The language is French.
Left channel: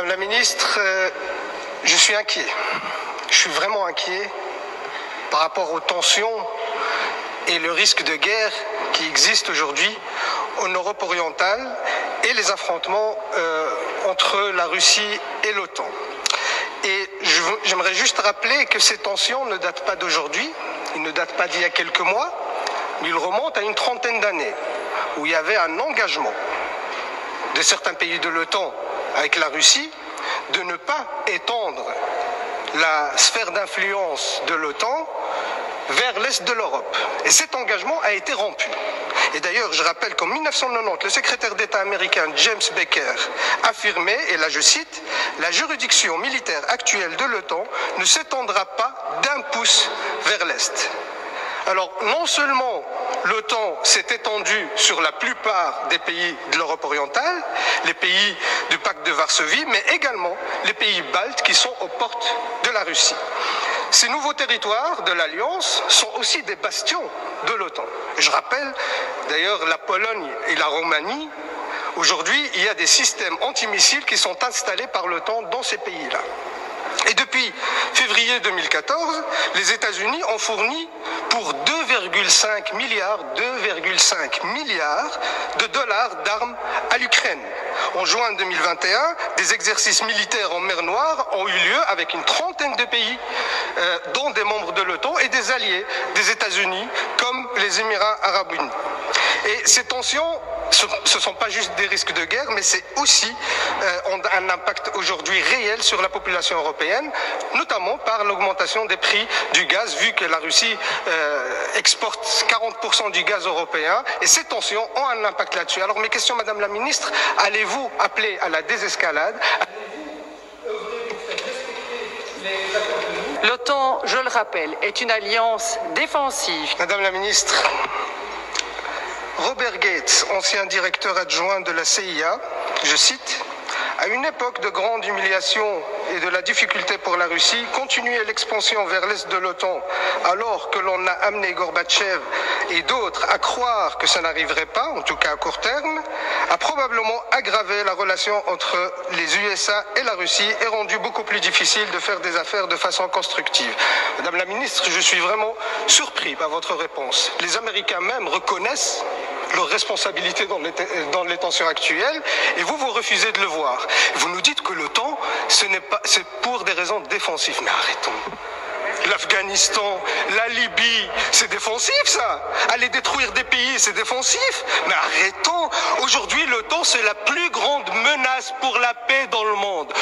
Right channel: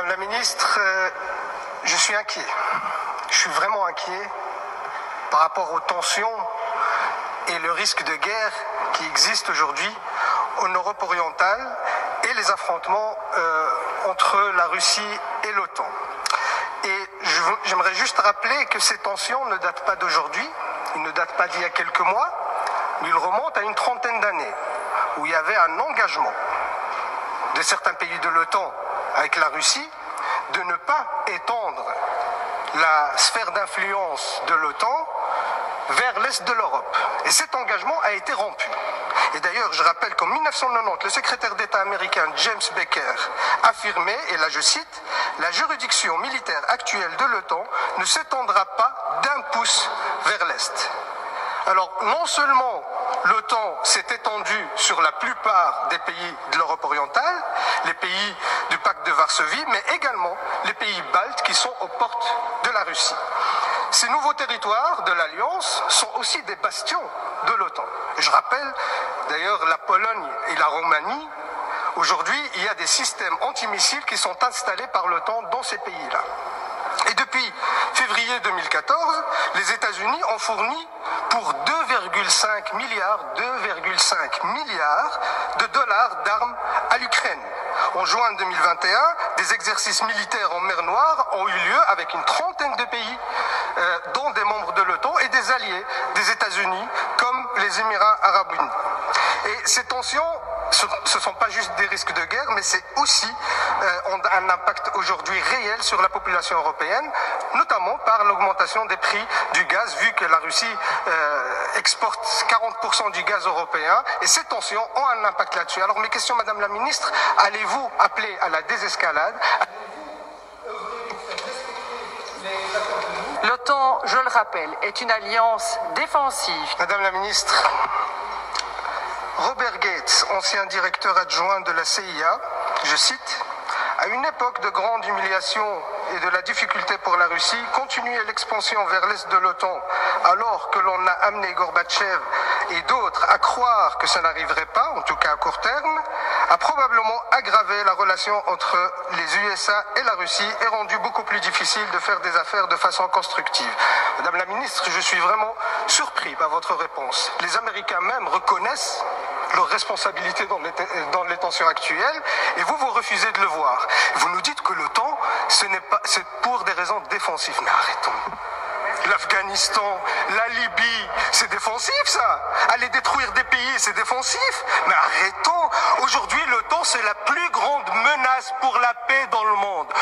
Madame la ministre, je suis inquiet. Je suis vraiment inquiet par rapport aux tensions et le risque de guerre qui existe aujourd'hui en Europe orientale et les affrontements entre la Russie et l'OTAN. Et j'aimerais juste rappeler que ces tensions ne datent pas d'aujourd'hui, ils ne datent pas d'il y a quelques mois, mais ils remontent à une trentaine d'années, où il y avait un engagement de certains pays de l'OTAN avec la Russie de ne pas étendre la sphère d'influence de l'OTAN vers l'est de l'Europe. Et cet engagement a été rompu. Et d'ailleurs, je rappelle qu'en 1990, le secrétaire d'État américain James Baker affirmait, et là je cite, « La juridiction militaire actuelle de l'OTAN ne s'étendra pas d'un pouce vers l'Est ». Alors, non seulement l'OTAN s'est étendue sur la plupart des pays de l'Europe orientale, les pays du pacte de Varsovie, mais également les pays baltes qui sont aux portes de la Russie. Ces nouveaux territoires de l'Alliance sont aussi des bastions de l'OTAN. Je rappelle d'ailleurs la Pologne et la Roumanie. Aujourd'hui, il y a des systèmes antimissiles qui sont installés par l'OTAN dans ces pays-là. Et depuis février 2014, les États-Unis ont fourni pour 2,5 milliards de dollars d'armes à l'Ukraine. En juin 2021, des exercices militaires en mer Noire ont eu lieu avec une trentaine de pays, dont des membres de l'OTAN et des alliés des États-Unis, comme les Émirats arabes unis. Et ces tensions, ce ne sont pas juste des risques de guerre, mais c'est aussi un impact aujourd'hui réel sur la population européenne, notamment par l'augmentation des prix du gaz, vu que la Russie exporte 40% du gaz européen, et ces tensions ont un impact là-dessus. Alors mes questions, Madame la Ministre, allez-vous appeler à la désescalade? L'OTAN, je le rappelle, est une alliance défensive. Madame la Ministre, Robert Gates, ancien directeur adjoint de la CIA, je cite, « À une époque de grande humiliation et de la difficulté pour la Russie, continuer l'expansion vers l'est de l'OTAN alors que l'on a amené Gorbatchev et d'autres à croire que ça n'arriverait pas, en tout cas à court terme, a probablement aggravé la relation entre les USA et la Russie et rendu beaucoup plus difficile de faire des affaires de façon constructive. » Madame la Ministre, je suis vraiment surpris par votre réponse. Les Américains même reconnaissent leurs responsabilités dans les tensions actuelles, et vous refusez de le voir. Vous nous dites que l'OTAN, c'est pour des raisons défensives. Mais arrêtons. L'Afghanistan, la Libye, c'est défensif ça. Aller détruire des pays, c'est défensif. Mais arrêtons. Aujourd'hui, l'OTAN, c'est la plus grande menace pour la paix dans le monde.